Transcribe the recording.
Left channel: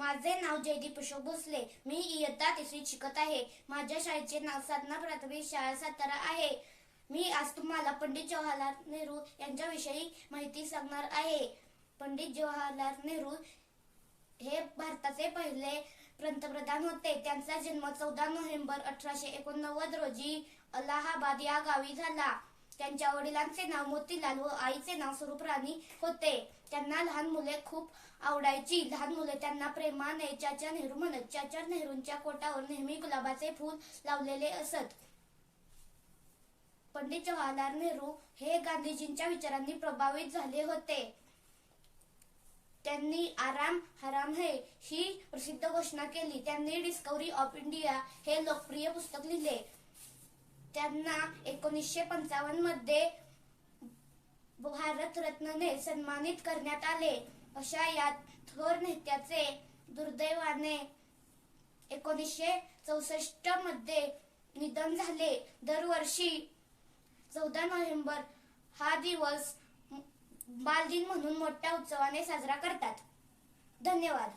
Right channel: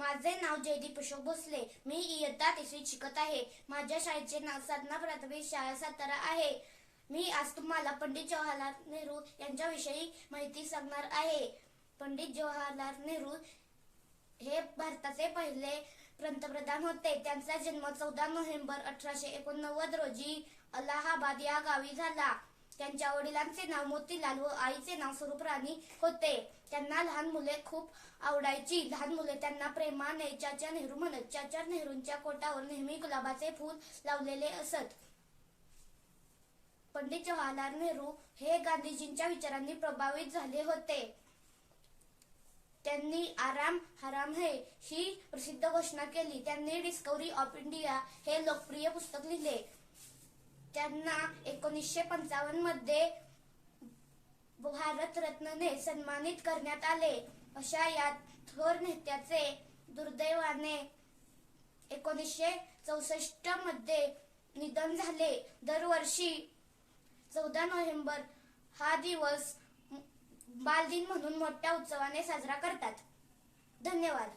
माझे नाव जयदीप अशोक भोसले. मी इयत्ता तिसरीत शिकत आहे. माझ्या शाळेचे नाव साधना प्राथमिक शाळा सातारा आहे. मी आज तुम्हाला पंडित जवाहरलाल नेहरू यांच्याविषयी माहिती सांगणार आहे. पंडित जवाहरलाल नेहरू हे भारताचे पहिले पंतप्रधान होते. त्यांचा जन्म चौदा नोव्हेंबर अठराशे एकोणनव्वद रोजी अलाहाबाद या गावी झाला. त्यांच्या वडिलांचे नाव मोतीलाल व आईचे नाव स्वरूपराणी होते. त्यांना लहान मुले खूप आवडायची. लहान मुले त्यांना प्रेमाने चाचा नेहरू म्हणत चाचा नेहरूंच्या कोटावर नेहमी गुलाबाचे फूल लावलेले असत. पंडित जवाहरलाल नेहरू हे गांधीजींच्या विचारांनी प्रभावित झाले होते. त्यांनी आराम हराम है ही प्रसिद्ध घोषणा केली. त्यांनी डिस्कवरी ऑफ इंडिया हे लोकप्रिय पुस्तक लिहिले. त्यांना एकोणीसशे पंचावन्नमध्ये भारतरत्नने सन्मानित करण्यात आले. अशा या थोर नेत्याचे दुर्दैवाने एकोणीसशे चौसष्टमध्ये निधन झाले. दरवर्षी चौदा नोव्हेंबर हा दिवस बालदिन म्हणून मोठ्या उत्सवाने साजरा करतात. धन्यवाद.